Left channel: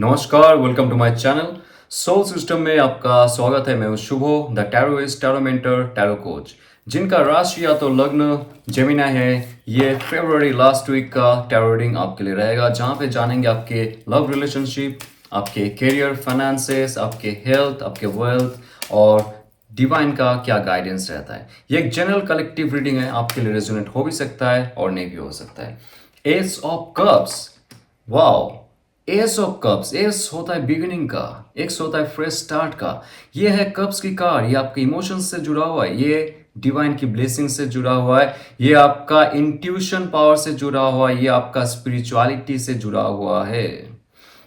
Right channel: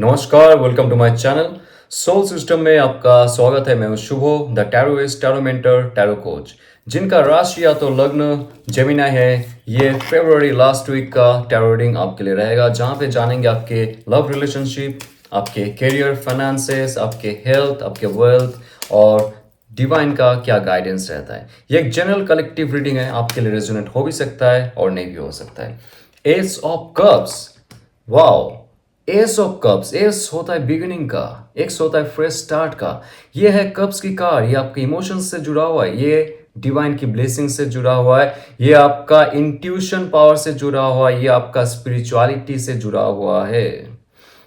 नमस्कार, welcome to my channel. Soul system में आपका स्वागत है। मैं हूं Shubho, the tarotist, tarot mentor, tarot coach, जिनका राशि या तो लग्न जेमिनाई है। ये फरवरी लास्ट वीक का टैरो रीडिंग आपके लिए रहेगा, जहां पे जानेंगे आपके लव रिलेशनशिप, आपके करियर, फाइनेंसेस, आपके हेल्थ, आपके वेल्थ और डिवाइन का क्या गाइडेंस रहता है। ये एक जनरल कलेक्टिव रीडिंग है, आपके लिए रेजोनेट हो भी सकता है और नहीं भी हो सकता है। S of cups, wow. S of cups, S होता है बिगिनिंग का, एक्स होता है फ्रेश स्टार्ट का। ये है कप्स की कार, ये आपके इमोशंस से जुड़ा हुआ है, ये डिवाइन की ब्लेसिंग से जुड़ा हुआ है, ये आपका इंट्यूशन पावर से जुड़ा हुआ है, ये आपका स्पिरिचुअलिटी से जुड़ा हुआ है।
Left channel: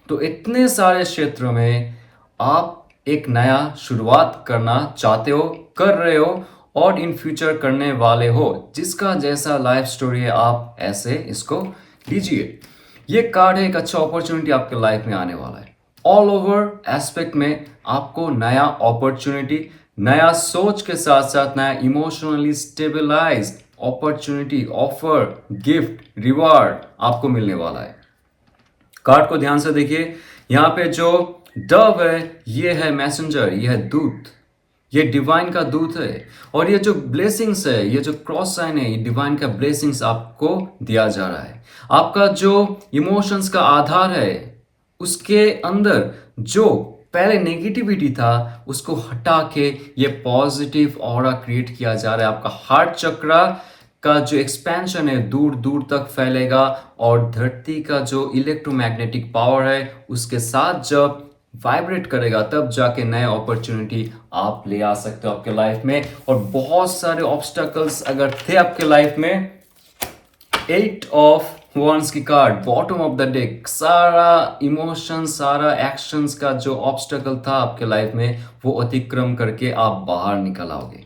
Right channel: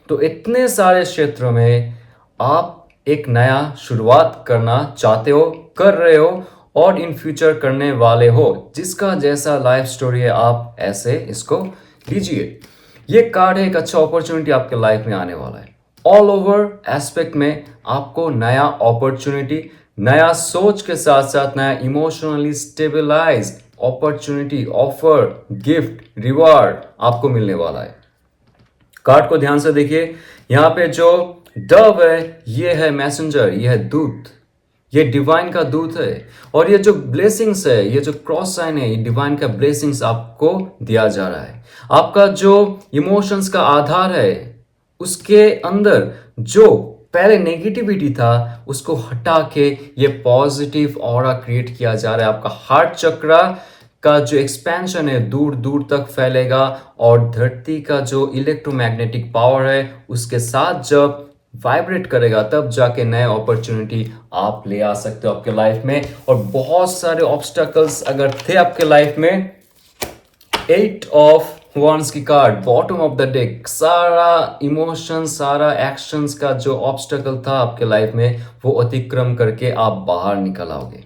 तो इतने सारे क्षेत्रों में आप एक नया शुरुआत करना चाहते हो, कर रहे हो और इन फ्यूचर करने वाले हो। जिसका जैसा लाइफ स्टोरी है, आप ऐसे इसको लीजिए। ये कार्ड है, एक अच्छा अपॉर्चुनिटी आपके लाइफ में आने वाला है। ऑल ओवर एस्पेक्ट में आपको नया अपॉर्चुनिटी, नया सोच के साथ साथ नया emotionally stabilized opportunity, offer, gift, reward आपको मिलने वाला है। कार्ड को ध्यान से देखिए। यहाँ पे जो डव है, ये है मैसेंजर, ये है दूत, ये डिवाइन का दूत है। और ये जो ब्लेसिंग्स है, ये जो क्रॉस साइन है, ये डिवाइन का ब्लेसिंग्स आपको दिया जा रहा है। आपका जो इमोशंस का आधार है, उसके अंदर जो पहले नेगेटिविटी था, उसको हटा के ये पॉजिटिव ऑरा क्रिएट किया जा रहा है। आपका हार्ट चक्रा का जो एक्सपेंशन है दूर दूर तक फैलेगा और धरती का जो इलेक्ट्रोमैग्नेटिक पावर है उसके साथ जब वाइब्रेट करेगा, तब जाके नए अपॉर्चुनिटी आप ले आ सकते हो आपके लाइफ में। और बहुत सारे ऑब्स्टकल्स अगर थे आपके लाइफ में, 8 ऑफ वॉन्ड्स की card bottom of the deck, सारा इमोशन, सारा एक्शंस का जो ऑब्स्टकल था आपके लाइफ में, वो अतिक्रम करके आप बाहर निकल आओगे।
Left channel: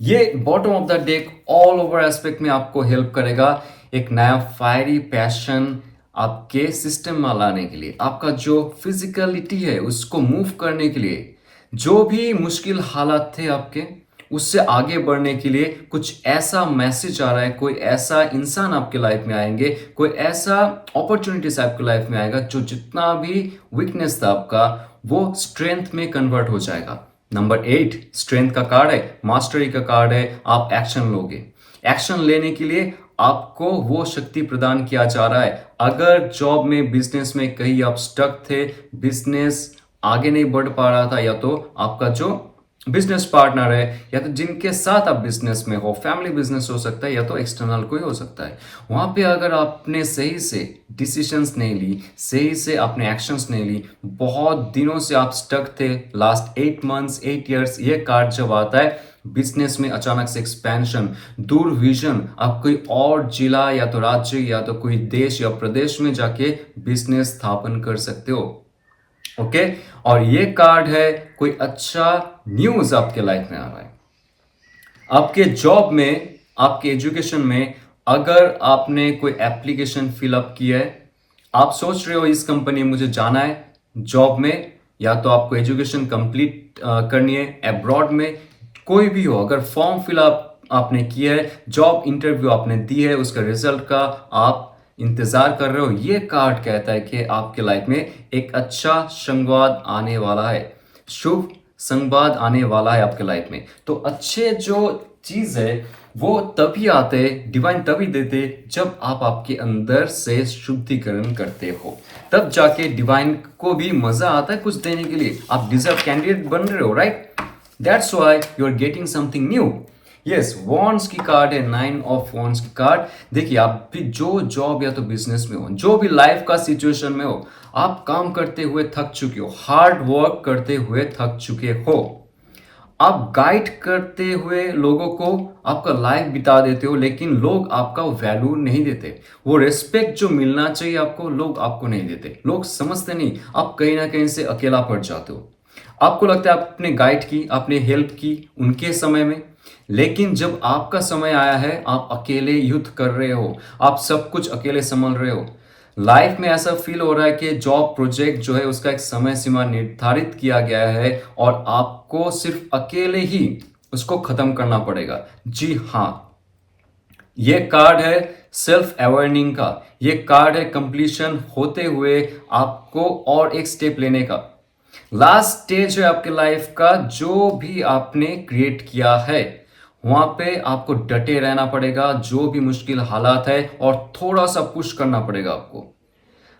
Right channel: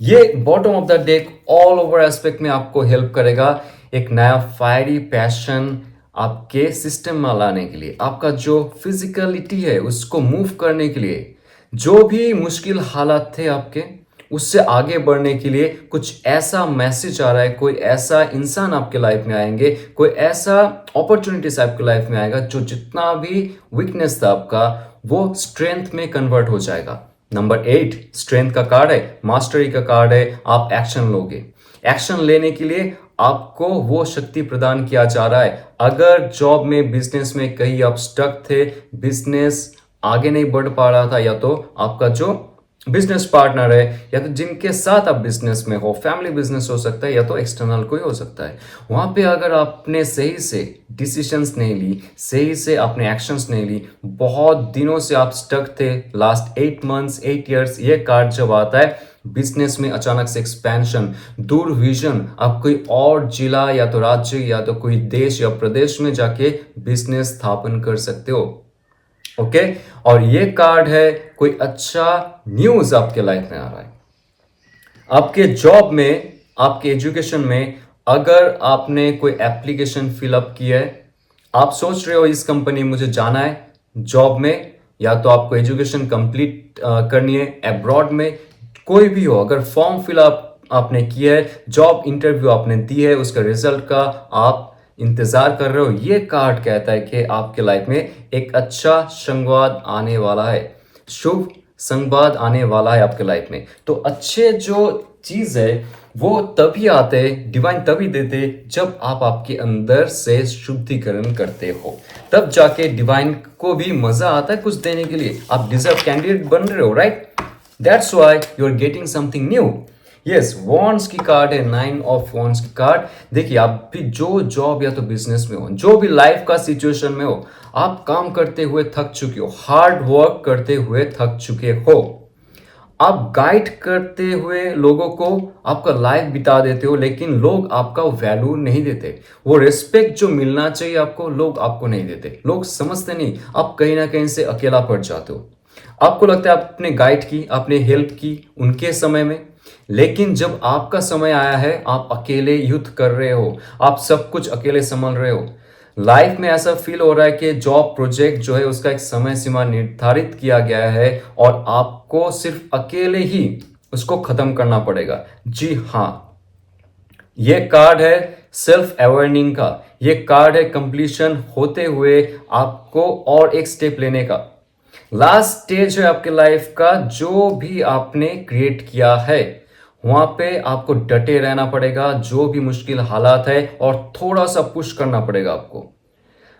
ये bottom of the deck all over aspect में आपको हेल्प करेगा एक नया फायरी पैशन आपके सिस्टम में लाने के लिए, आपका जो फिजिकलिटी है उसको मूव करने के लिए, जो भी मुश्किल हालात थे आपके, उससे आगे बढ़ने के लिए कुछ ऐसा मैसेज आ रहा है। कोई ऐसा इंसान आपके लाइफ में आएंगे, कोई ऐसा अपॉर्चुनिटीज आपके लाइफ में आएगा, जो जितना भी वीकनेस था आपका, वो स्ट्रेंथ में कन्वर्ट हो जाएगा। नंबर 8 स्ट्रेंथ का कार्ड है, मास्टरी का कार्ड है। आप एक्शन लोगे, एक्शन लेने के लिए आपको वो शक्ति प्रदान किया जा रहा है। अगर जॉब में, बिजनेस में कहीं आप स्टक थे, बिजनेस आगे नहीं बढ़ पा रहा था, या तो आपका जो बिजनेस पार्टनर है, या तो जिनके साथ आप बिजनेस में हो, फैमिली बिजनेस हो सकता है या तो एक्सटर्नल कोई हो सकता है, वहां पे अगर आपने सही से डिसीजंस नहीं ली, सही से अपने एक्शंस नहीं ली, बहुत दिनों से आप स्टक थे, लास्ट 8 मंथ्स, 8 ईयर्स, ये कार्ड जब आता है बिजनेस में अचानक से एक्सपेंशन, दूर विजन, आप कोई और जिला या तो राज्य या तो कोई देश या प्रदेश में जाके बिजनेस स्थापन कर सकते हो। ओके और ये कार्ड है कोई अच्छा न्यूज आपके लाइफ में आ रहा है। आपके जॉब में, आपके एजुकेशन में, अगर आपने कोई एप्लीकेशन फिलअप किया है, आप सोच रहे हो इस कंपनी मुझे जाना है जॉब में, या तो आपको एजुकेशन कंप्लीट करनी है अब्रॉड में, कोई भी हो, अगर फॉर्म फिलअप आपने किया है, जॉब इंटरव्यू आपने दी है, उसका रिजल्ट का आप इंतजार कर रहे हो, ये कार्ड कहता है कि आपके लाइफ में एक अच्छा संवाद आने वाला है, शुभ संवाद आने वाला है आपके लाइफ में। तो अच्छे जो चीज है वो तभी आते, डिवाइन तभी देते जब आप आपके अंदर से शुद्धिकरण करते हो, तब जाके डिवाइन को भी मजा आता है कुछ देने के लिए। आप डिजर्व कैंडिडेट बन रहे हो, right? That's why you are getting something new. Yes, wands की कार्ड है, 9 ऑफ वॉन्ड्स की कार्ड। देखिए, आप भी जो जॉब या तो बिजनेस में हो, जो भी लाइफ का सिचुएशन में हो, आप काम करते हुए थक चुके हो, हार्ड वर्क करते हुए थक चुके हो, आप गाइड करते हुए लोगों को आपका लाइफ बिता देते हो, लेकिन लोग आपका वैल्यू नहीं देते। वो रिस्पेक्ट जो मिलना चाहिए आपको, लोग आपको नहीं देते, लोग समझते नहीं, आप कहीं ना कहीं से अकेला पड़ जाते हो। आपको लगता है आपने गाइड की, आपने हेल्प की उनके समय में, लेकिन जब आपका समय आया है, आप अकेले युद्ध कर रहे हो, आप सब कुछ अकेले संभाल रहे हो। लाइफ में ऐसा फील हो रहा है कि जॉब प्रोजेक्ट जो है उसका एक समय सीमा निर्धारित किया गया है और आपको सिर्फ अकेले ही उसको खत्म करना पड़ेगा। जी हाँ, ये कार्ड है सेल्फ अवेयरनिंग का, ये कार्ड है कंप्लीशन होते हुए आपको और एक स्टेप लेने का। लास्ट स्टेज है आपके लाइफ का, जो भी आपने क्रिएट किया है वहां पे आपको डटे रहना पड़ेगा, जो भी मुश्किल हालात है, और थोड़ा सा पुश करना पड़ेगा आपको।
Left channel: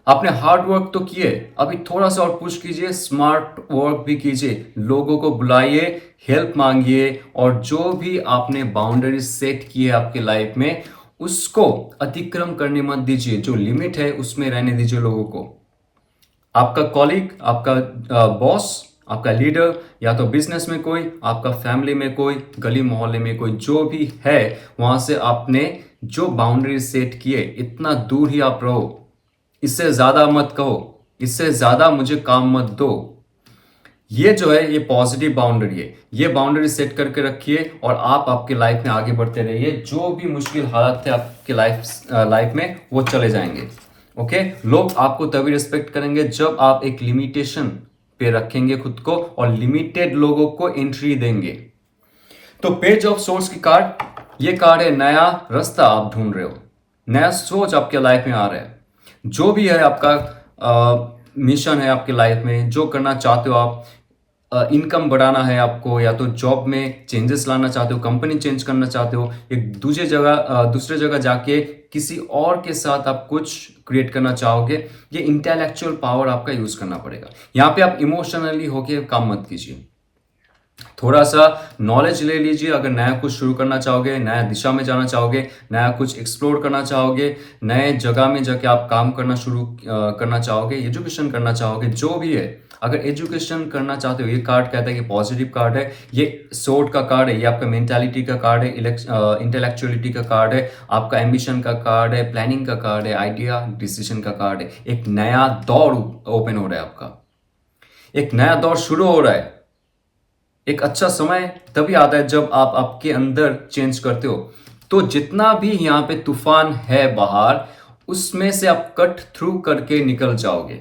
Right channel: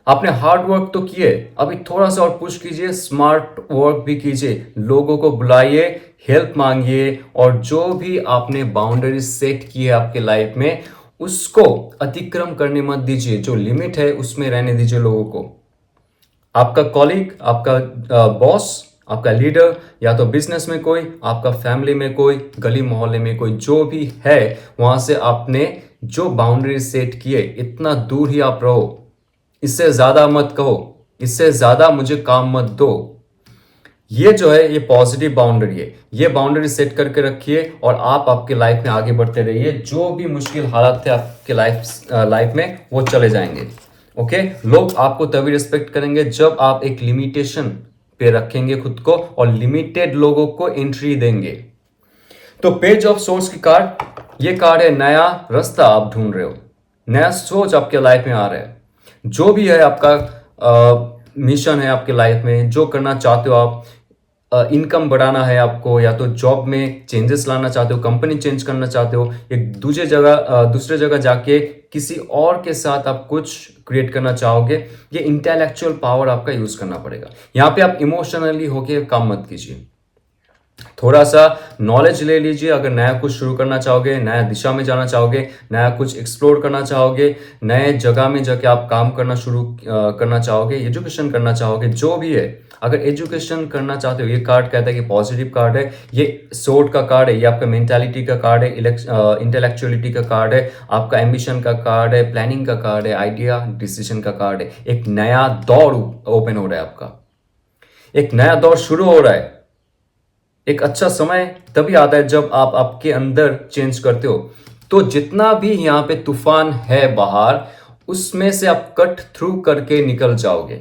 आपने हार्ड वर्क तो किए, अभी थोड़ा सा और पुश कीजिए, स्मार्ट वर्क भी कीजिए, लोगों को बुलाइए, हेल्प मांगिए, और जो भी आपने बाउंड्री सेट की है आपके लाइफ में उसको अतिक्रम करने मत दीजिए। जो लिमिट है उसमें रहने दीजिए लोगों को। आपका कॉलीग, आपका बॉस, आपका लीडर, या तो बिजनेस में कोई, आपका फैमिली में कोई, गली मोहल्ले में कोई, जो भी है वहां से आपने जो बाउंड्री सेट किए इतना दूर ही आप रहो। इससे ज्यादा मत कहो, इससे ज्यादा मुझे काम मत दो। ये जो है ये पॉजिटिव बाउंड्री है, ये बाउंड्री सेट करके रखिए और आप आपके लाइफ में आगे बढ़ते रहिए। जो भी मुश्किल हालात थे आपके लाइफ में वो चले जाएंगे। ओके, लोग आपको तभी रिस्पेक्ट करेंगे जब आप एक लिमिटेशन पे रखेंगे खुद को और लिमिटेड लोगों को एंट्री देंगे। तो पेज ऑफ सोर्स की कार्ड, ये कार्ड है नया रास्ता आप ढूंढ रहे हो, नया सोच आपके लाइफ में आ रहा है। जो भी है आपका मिशन है आपके लाइफ में, जो करना चाहते हो आप, इनकम बढ़ाना है आपको, या तो जॉब में चेंजेस लाना चाहते हो, कंपनी चेंज करना चाहते हो, एक दूसरे जगह जाके किसी और के साथ आप कुछ क्रिएट करना चाहोगे, ये इंटेलेक्चुअल पावर आपका यूज करना पड़ेगा। यहाँ पे आप इमोशनली होके काम मत कीजिए, थोड़ा सा नॉलेज ले लीजिए। अगर नया कुछ शुरू करना चाहोगे, नया दिशा में जाना चाहोगे, नया कुछ एक्सप्लोर करना चाहोगे, नए जगह में जाके आप काम करना शुरू करना चाहोगे, एजुकेशन करना चाहोगे, जो भी है, अगर एजुकेशन करना चाहते हो, ये कार्ड कहता है कि पॉजिटिव कार्ड है, ये सोर्ड का कार्ड है, ये आपका मेंटालिटी का कार्ड है, इंटेलेक्चुअलिटी का कार्ड है, आपका एम्बिशन का कार्ड है, प्लानिंग का कार्ड है, आइडिया डिसीजन का कार्ड है। एक नया दौर ओपन हो रहा है आपका, एक नया दौर शुरू हो रहा है। एक अच्छा समय तभी आता है जब आप आपके अंदर चेंज करते हो। तो जितना भी यहाँ पे तूफान है बाहर, उसमें से आप कट थ्रू करके निकल जाओगे।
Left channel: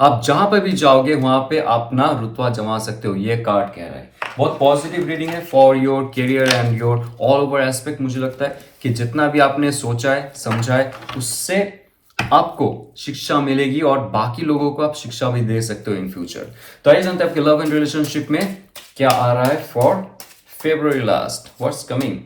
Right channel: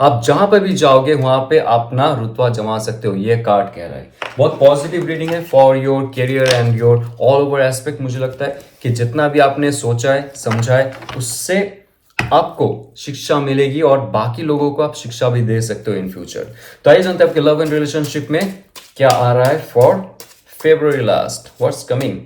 आप जहां पर भी जाओगे वहां पे अपना रुतबा जमा सकते हो, ये कार्ड कह रहा है। बहुत पॉजिटिव रीडिंग है for your career and your all over aspect. मुझे लगता है कि जितना भी आपने सोचा है, समझा है, उससे आपको शिक्षा मिलेगी और बाकी लोगों को आप शिक्षा भी दे सकते हो इन फ्यूचर। तो आइए जानते हैं आपके लव एंड रिलेशनशिप में क्या आ रहा है for February last, what's coming.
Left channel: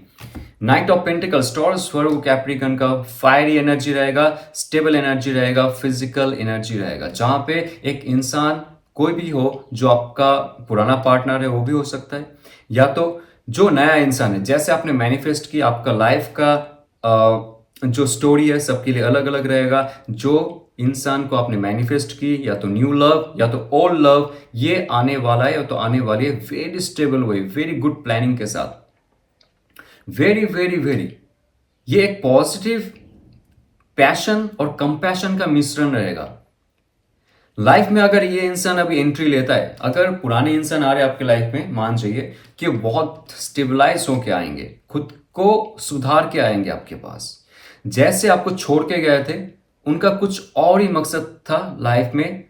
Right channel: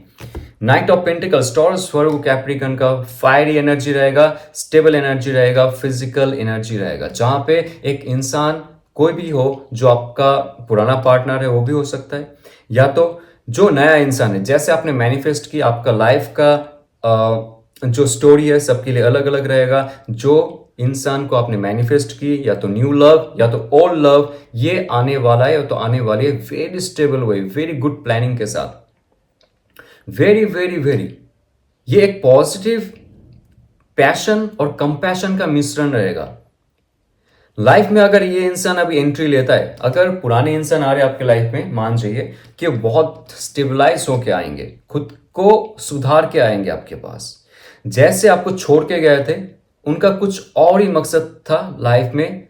Night of pentacles, taurus, Virgo, Capricorn का फायरी एनर्जी रहेगा, स्टेबल एनर्जी रहेगा, फिजिकल एनर्जी रहेगा, जहां पे एक इंसान कोई भी हो, जो आपका पुराना पार्टनर है वो भी हो सकता है, या तो जो नया इंसान है। जैसे आपने मैनिफेस्ट की, आपका लाइफ का जो स्टोरी है सबके लिए अलग अलग रहेगा। जो इंसान को आपने मैनिफेस्ट की, या तो न्यू लव या तो ओल्ड लव, ये आने वाला है या तो आने वाली है वेरी स्टेबल वे, वेरी गुड प्लानिंग के साथ, वेरी वेरी वेरी। ये एक पॉजिटिव पैशन और कंपैशन का मिश्रण रहेगा लाइफ में। अगर ये इंसान अभी एंट्री लेता है, अगर पुराने इंसान आ रहे हैं आपके लाइफ में, मान जाइए कि बहुत स्टेबलाइज होके आएंगे, खुद को सुधार के आएंगे आपके पास। जैसे आपको छोड़ के गए थे, उनका कुछ और ही मकसद था लाइफ में,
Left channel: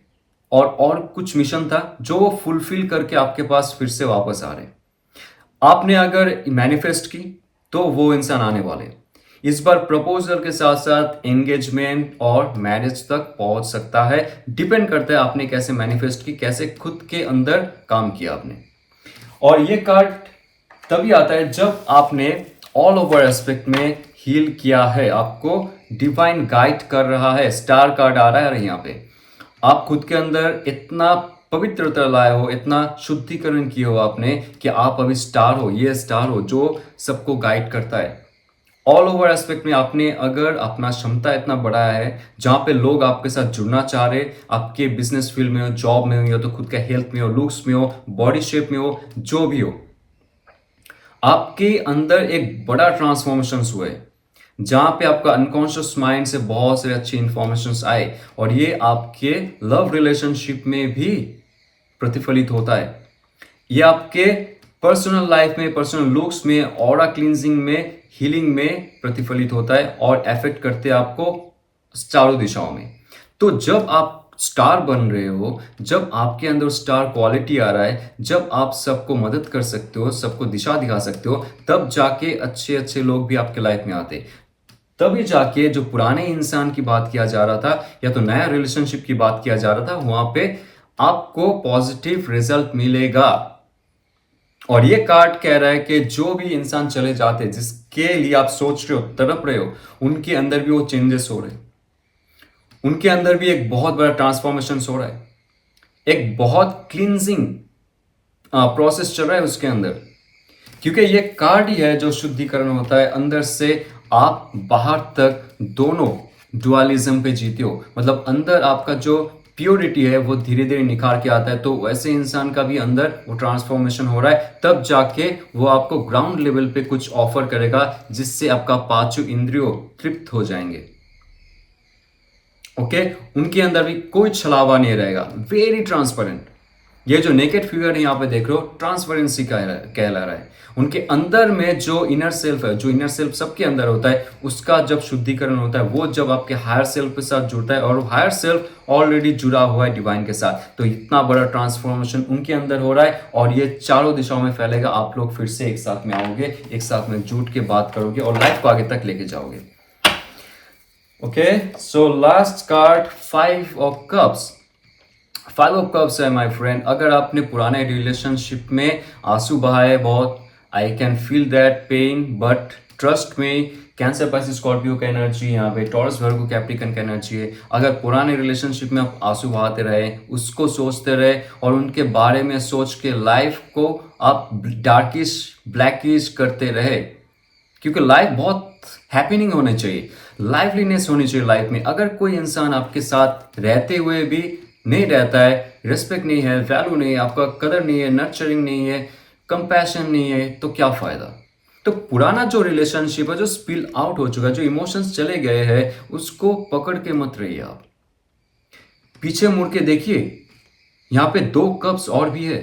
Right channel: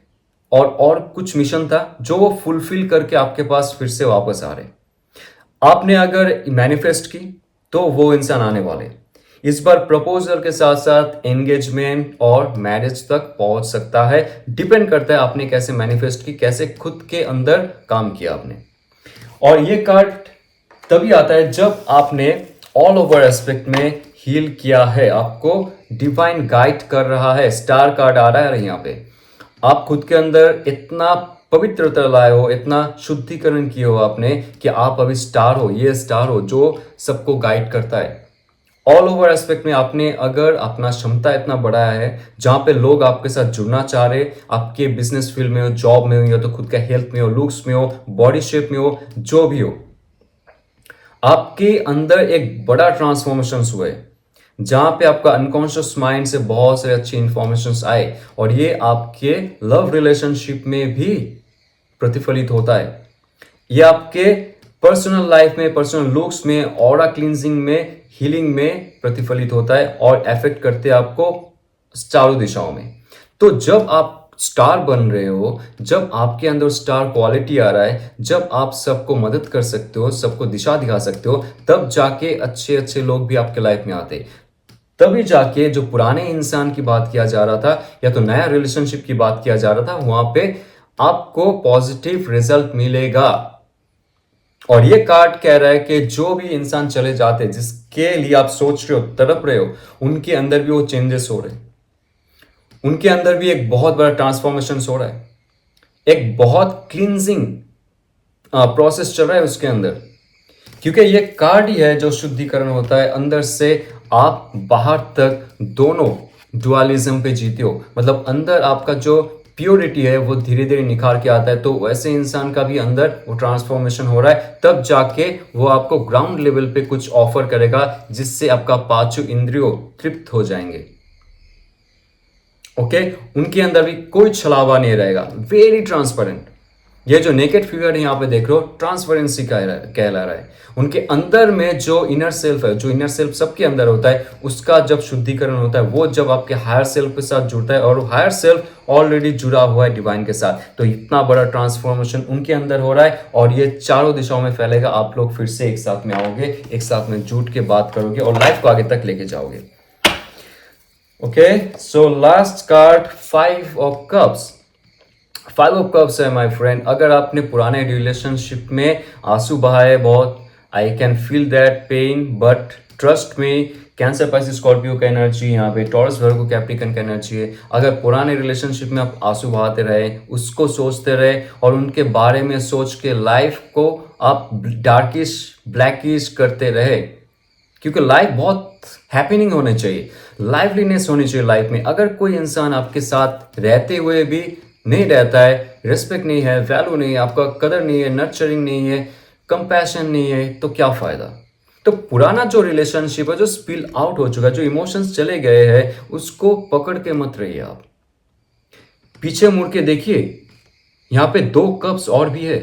और कुछ मिशन था जो वो फुलफिल करके आपके पास फिर से वापस आ रहे। आपने अगर मैनिफेस्ट की तो वो इंसान आने वाले। इस बार प्रपोजल के साथ साथ एंगेजमेंट और मैरिज तक पहुंच सकता है। डिपेंड करता है आपने कैसे मैनिफेस्ट की, कैसे खुद के अंदर काम किया आपने। और ये कार्ड तभी आता है जब आपने ऑल ओवर एस्पेक्ट में हील किया है, आपको डिवाइन गाइड कर रहा है। स्टार कार्ड आ रहा है यहाँ पे। आप खुद के अंदर इतना पवित्रता लाए हो, इतना शुद्धिकरण किए हो आपने, कि आप अभी स्टार हो, ये स्टार हो जो सबको गाइड करता है। ऑल ओवर एस्पेक्ट में आपने अगर अपना क्षमता इतना बढ़ाया है, जहां पे लोग आपके साथ जुड़ना चाह रहे, आपके बिजनेस फील्ड में हो, जॉब में हो, या तो खुद का हेल्थ में हो, लुक्स में हो, बॉडी शेप में हो, जो भी हो, आपके अंदर एक बड़ा ट्रांसफॉर्मेशन हुआ है, जहां पे आपका अनकॉन्शियस माइंड से बहुत सारे अच्छी इंफॉर्मेशन आए, और ये आपके लव रिलेशनशिप में भी प्रतिफलित होता है। ये आपके पर्सनल लाइफ में, पर्सनल लुक्स में, ऑरा क्लींजिंग में, हीलिंग में प्रतिफलित होता है और इफेक्ट करते हैं आपको चारों दिशाओं में। तो जब आप स्टार बन रहे हो, जब आपके अंदर स्टार क्वालिटी आ रहा है, जब आप सबको मदद कर सकते हो, सबको दिशा दिखा सकते हो, तब जाके अच्छे अच्छे लोग भी आपके लाइफ में आते। तभी जाके जो पुराने इंसान की बात किया जा रहा था या तो नया रिलेशनशिप की बात किया जा रहा था, वहां पे आपको पॉजिटिव रिजल्ट मिलेगा। और ये कार्ड कह रहा है कि जो भी इंसान चले जाते हैं, जिसके लिए आप सोच रहे हो, तड़प रहे हो, उनके अंदर भी वो चेंजेस हो रहे हैं, उनके अंदर भी एक बहुत बड़ा ट्रांसफॉर्मेशन हो रहा है, एक बहुत क्लींजिंग प्रोसेस चल रहा है उसके अंदर। क्योंकि ये कार्ड ही है जो शुद्धिकरण होता है अंदर से आप बाहर तक, दोनों डुअलिज्म पे जीते हो। मतलब अंदर आपका जो प्योरिटी है वो धीरे धीरे निखार के आता है, तो वैसे इंसान का भी अंदर वो ट्रांसफॉर्मेशन हो रहा है, तब जाके वो आपको ग्राउंड लेवल पे कुछ ऑफर करेगा, जिससे आपका पांचों इंद्रियों तृप्त हो जाएंगे। ओके, उनके अंदर भी कोई छलावा नहीं रहेगा, वेरी ट्रांसपेरेंट। ये जो नेकेड फिगर यहाँ पे देख रहे हो, ट्रांसपेरेंसी कहला रहा है। उनके अंदर में जो इनर सेल्फ है, जो इनर सेल्फ सबके अंदर होता है, उसका जब शुद्धिकरण होता है, वो जब आपके हायर सेल्फ के साथ जुड़ता है, और हायर सेल्फ ऑलरेडी जुड़ा हुआ है डिवाइन के साथ, तो इतना बड़ा ट्रांसफॉर्मेशन उनके अंदर हो रहा है, और ये चारों दिशाओं में फैलेगा। आप लोग फिर से एक साथ में आओगे, एक साथ में जुट के बात करोगे और लाइफ को आगे तक लेके जाओगे। Okay, so last card 5 of cups. 5 of cups है माय फ्रेंड। अगर आपने पुराने रिलेशनशिप में आंसू बहाए बहुत, I can feel that pain, but trust में, कैंसर पाइसेस स्कॉर्पियो का एनर्जी, यहाँ पे टॉरस वर्गो कैप्रिकन का एनर्जी है। अगर पुराने रिलेशनशिप में आप आंसू बहाते रहे, उसको सोचते रहे और उनके बारे में सोच के लाइफ को आप डार्किश ब्लैकिश करते रहे, क्योंकि लाइफ बहुत हैपनिंग होनी चाहिए, लाइवलीनेस होनी चाहिए लाइफ में। अगर कोई इंसान आपके साथ रहते हुए भी नहीं रहता है, रिस्पेक्ट नहीं है, वैल्यू नहीं है, आपका कदर नहीं है, नर्चरिंग नहीं है, कंपैशन नहीं है, तो क्या फायदा। तो पुराना जो रिलेशनशिप है, जो स्पिल आउट हो चुका है, जो इमोशंस चले गए हैं, उसको पकड़ के मत रहिए। आप पीछे मुड़ के देखिए, यहाँ पे 2 कप्स और भी है।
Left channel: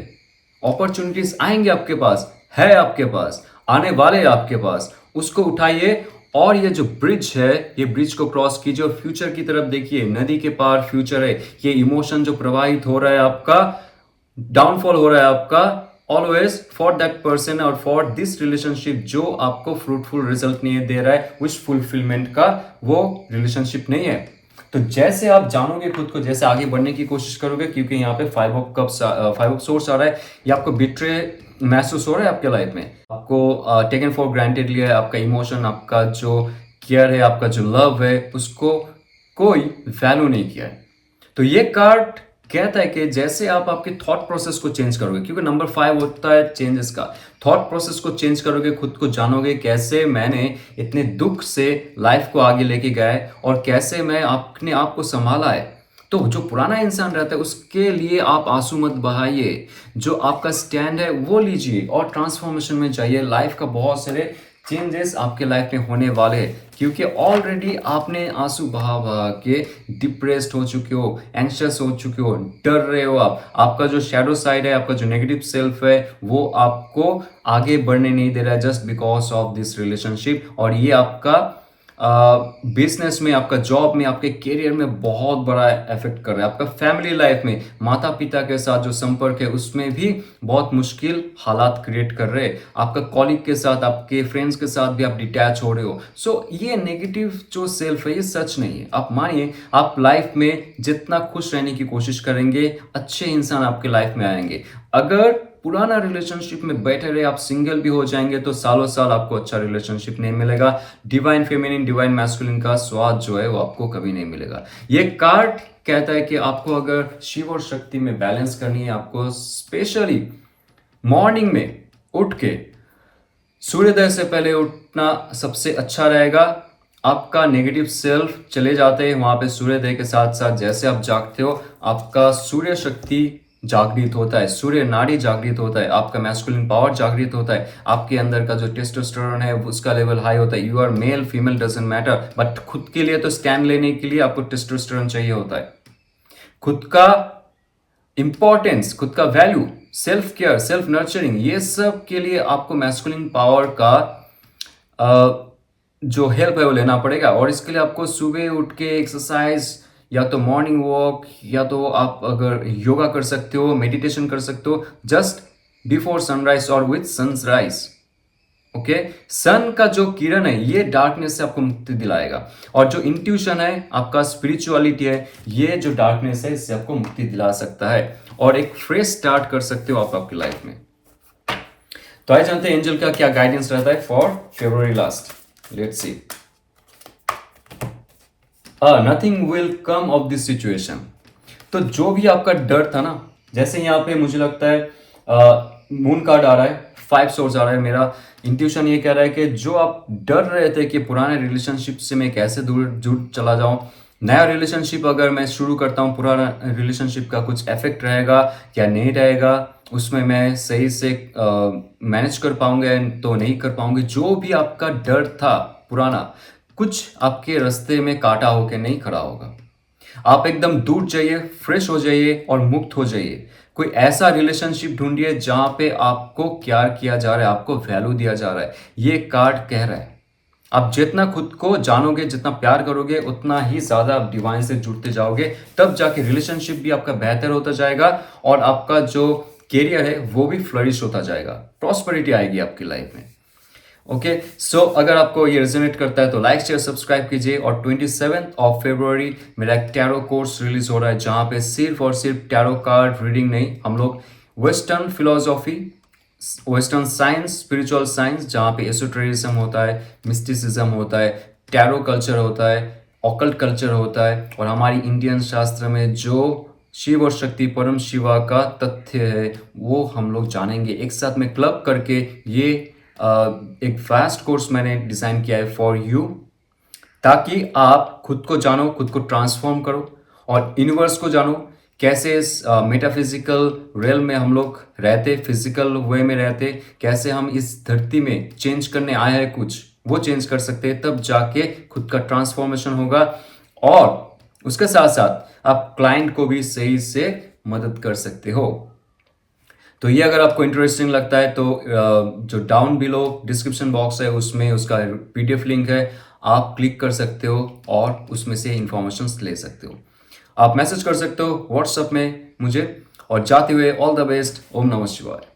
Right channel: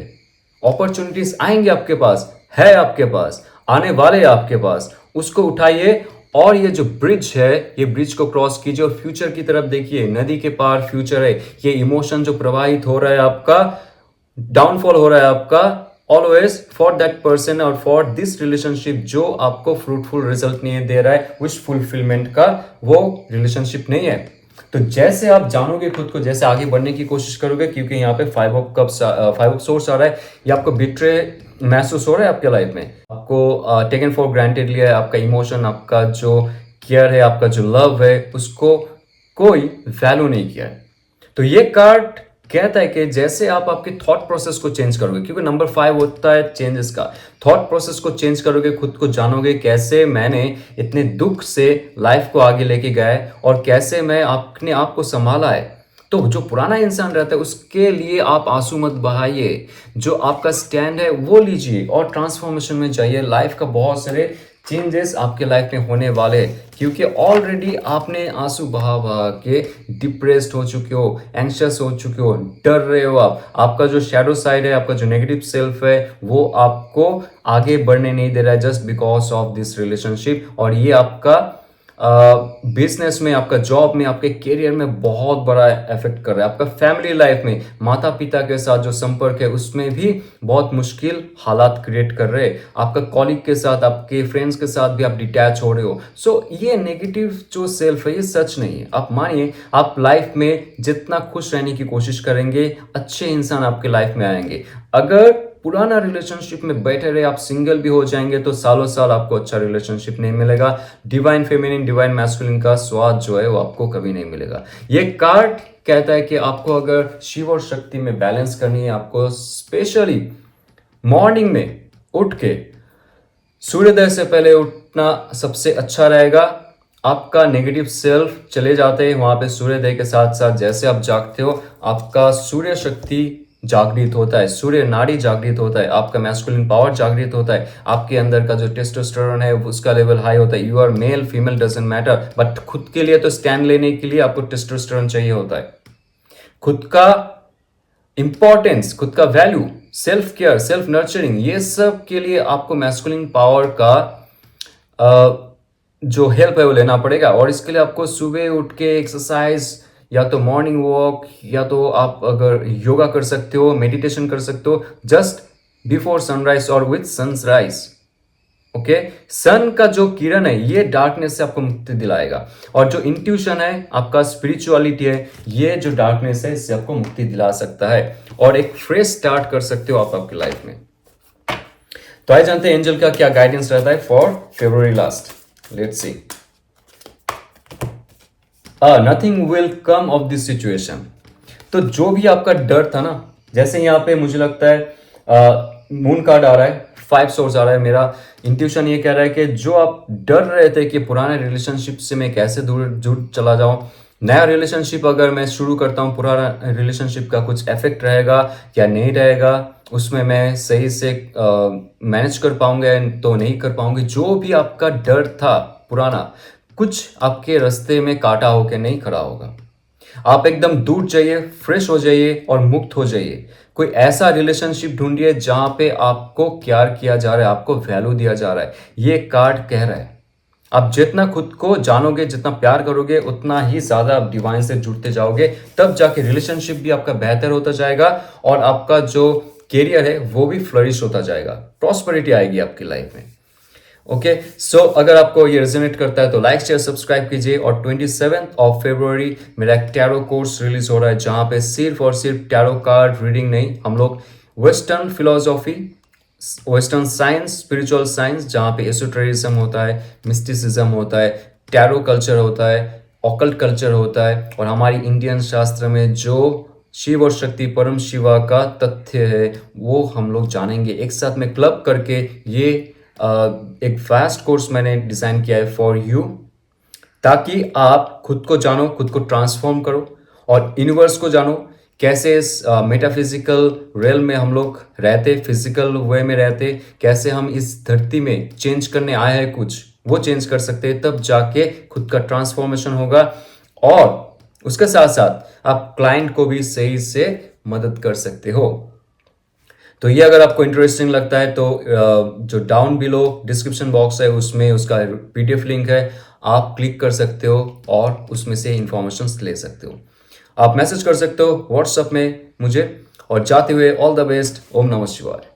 अपॉर्चुनिटीज आएंगे आपके पास, है आपके पास, आने वाले हैं आपके पास, उसको उठाइए। और ये जो ब्रिज है, ये ब्रिज को क्रॉस कीजिए और फ्यूचर की तरफ देखिए। नदी के पार फ्यूचर है। ये इमोशन जो प्रवाहित हो रहा है आपका, डाउनफॉल हो रहा है आपका, ऑलवेज फॉर दैट पर्सन और फॉर दिस रिलेशनशिप जो आपको फ्रूटफुल रिजल्ट नहीं दे रहा है, विश फुलफिलमेंट का वो रिलेशनशिप नहीं है। तो जैसे आप जानोगे खुद को, जैसे आगे बढ़ने की कोशिश करोगे, क्योंकि यहाँ पे 5 ऑफ कप्स 5 ऑफ सोर्स आ रहा है, ये आपको बिट्रे महसूस हो रहा है आपके लाइफ में, आपको टेकन फॉर ग्रांटेड लिया है, आपका इमोशन, आपका जो केयर है, आपका जो लव है, उसको कोई वैल्यू नहीं किया है। तो ये कार्ड कहता है कि जैसे आप आपके थॉट प्रोसेस को चेंज करोगे, क्योंकि नंबर 5 होता है चेंजेस का, थॉट प्रोसेस को चेंज करोगे, खुद को जानोगे, कैसे मैंने इतने दुख से लाइफ को आगे लेके गया है और कैसे मैं अपने आप को संभाला है। तो जो पुराना इंसान रहता है उसके लिए आप आंसू मत बहाइए, जो आपका स्टैंड है वो लीजिए और ट्रांसफॉर्मेशन में जाइए। लाइफ का बहुत सारे चेंजेस आपके लाइफ में होने वाले हैं, क्योंकि ऑलरेडी आपने आंसू बहा बहा के डिप्रेस्ड हो चुके हो, एंशियस हो चुके हो, डर रहे हो आप। आपका जो शैडो साइड है, आपका जो नेगेटिव सेल्फ है, वो आपको आगे बढ़ने नहीं दे रहा है, just because of this relationship. और ये आपका बिजनेस में, आपका जॉब में, आपके करियर में बहुत बड़ा इफेक्ट कर रहा है। आपका फैमिली लाइफ में, माता पिता के साथ जो संपर्क है उसमें भी बहुत मुश्किल हालात क्रिएट कर रहे हैं। आपका कॉलीग के साथ, आपके फ्रेंड्स के साथ भी आप डिटैच हो रहे हो। सो ये नेगेटिव जो सेल्फ है ये सच नहीं है। आप मानिए, आप लाइफ में जितना खुश रहने की कोशिश करेंगे, अच्छे इंसान आपके लाइफ में आएंगे। अगर पुराना रिलेशनशिप में बैठे रहे, आप सिंगल भी हो जाएंगे, तो सालों साल आपको अच्छा रिलेशनशिप नहीं मिलेगा। डिवाइन फेमिनिन, डिवाइन मैस्कुलिन का स्वाद जो है वो आपको कभी नहीं मिलेगा। ये कार्ड कहता है कि आपको अगर शिव और शक्ति में बैलेंस करनी है, आपको स्पेशली मॉर्निंग में उठ के सूर्योदय से पहले उठना सबसे अच्छा रहेगा। आपका नेगेटिव सेल्फ चले जाते हैं वहां पे सूर्योदय के साथ साथ। जैसे आप जागते हो, आपका सूर्य शक्ति जागृत होता है, सूर्य नाड़ी जागृत होता है, आपका मैस्कुलिन पावर जागृत होता है, आपके अंदर का जो टेस्टोस्टेरोन है उसका लेवल हाई होता है। You are male female doesn't matter, but खुद के लिए तो स्टैंड लेने के लिए आपको टेस्टोस्टेरोन चाहिए होता है। खुद का इंपॉर्टेंस, खुद का value, self care, self nurturing, ये सब के लिए आपको मैस्कुलिन पावर का जो हेल्प है वो लेना पड़ेगा। और इसके लिए आपको सुबह उठ के एक्सरसाइज या तो मॉर्निंग वॉक, या तो आप अगर योगा कर सकते हो, मेडिटेशन कर सकते हो जस्ट बिफोर सनराइज और विथ सनराइज। ओके, सन का जो किरण है ये डार्कनेस से आपको मुक्ति दिलाएगा, और जो इंट्यूशन है, आपका स्पिरिचुअलिटी है, ये जो डार्कनेस है इससे आपको मुक्ति दिला सकता है, और एक फ्रेश स्टार्ट कर सकते हो आप आपकी लाइफ में। तो आइए जानते हैं एंजल का क्या गाइडेंस रहता है for February last. Let's see. Nothing will come of this situation. तो जो भी आपका डर था ना, जैसे यहाँ पे मुझे लगता है मून कार्ड आ रहा है, 5 सोर्स आ रहा है, मेरा इंट्यूशन ये कह रहा है कि जो आप डर रहे थे कि पुराने रिलेशनशिप से मैं कैसे दूर जुड़ चला जाऊं, नया रिलेशनशिप अगर मैं शुरू करता हूं, पुराना रिलेशनशिप का कुछ इफेक्ट रहेगा या नहीं रहेगा, उसमें मैं सही से मैनेज कर पाऊंगा तो नहीं कर पाऊंगी, जो भी आपका डर था पुराना, कुछ आपके रास्ते में काटा होकर नहीं खड़ा होगा। आप एकदम दूर जाइए, फ्रेश हो जाइए और मुक्त हो जाइए। कोई ऐसा रिलेशनशिप ढूंढिए जहां पे आपको केयर किया जा रहा है, आपको वैल्यू दिया जा रहा है। ये कार्ड कह रहा है आप जितना खुद को जानोगे, जितना प्यार करोगे, उतना ही ज्यादा आप डिवाइन से जुड़ते जाओगे, तब जाके रिलेशनशिप भी आपका बेहतर होता जाएगा, और आपका जो कैरियर है वो भी फ्लरिश होता जाएगा, प्रॉस्पेरिटी आएगी आपकी लाइफ में। ओके, सो अगर आपको ये रेजोनेट करता है तो लाइक शेयर सब्सक्राइब कीजिए। और 27 ऑफ फरवरी मेरा एक टैरो कोर्स रिलीज हो रहा है, जहां पे सिर्फ और सिर्फ टैरो कार्ड रीडिंग नहीं, हम लोग western philosophy, western science, spiritual science, जहां पे एसोटेरिज्म होता है, मिस्टिसिज्म होता है, टैरो कल्चर होता है, ऑकल्ट कल्चर होता है, और हमारी इंडियन शास्त्र में जो शिव और शक्ति, परम शिवा का तथ्य है वो हम लोग जानेंगे एक साथ में क्लब करके। ये एक फास्ट कोर्स मैंने डिजाइन किया है फॉर यू, ताकि आप खुद को जानो, खुद को ट्रांसफॉर्म करो, और यूनिवर्स को जानो, कैसे इस मेटाफिजिकल रियल में हम लोग रहते, फिजिकल वे में रहते, कैसे हम इस धरती में चेंज करने आए हैं, कुछ वो चेंज कर सकते हैं, तब जाके खुद का ट्रांसफॉर्मेशन होगा। और उसके साथ साथ आप क्लाइंट को भी सही से मदद कर सकते हो। तो ये अगर आपको इंटरेस्टिंग लगता है तो जो डाउन बिलो डिस्क्रिप्शन बॉक्स है उसमें उसका पीडीएफ लिंक है, आप क्लिक कर सकते हो और उसमें से इंफॉर्मेशन ले सकते हो। आप मैसेज कर सकते हो व्हाट्सएप में मुझे। और जाते हुए ऑल द बेस्ट, ओम नमः शिवाय।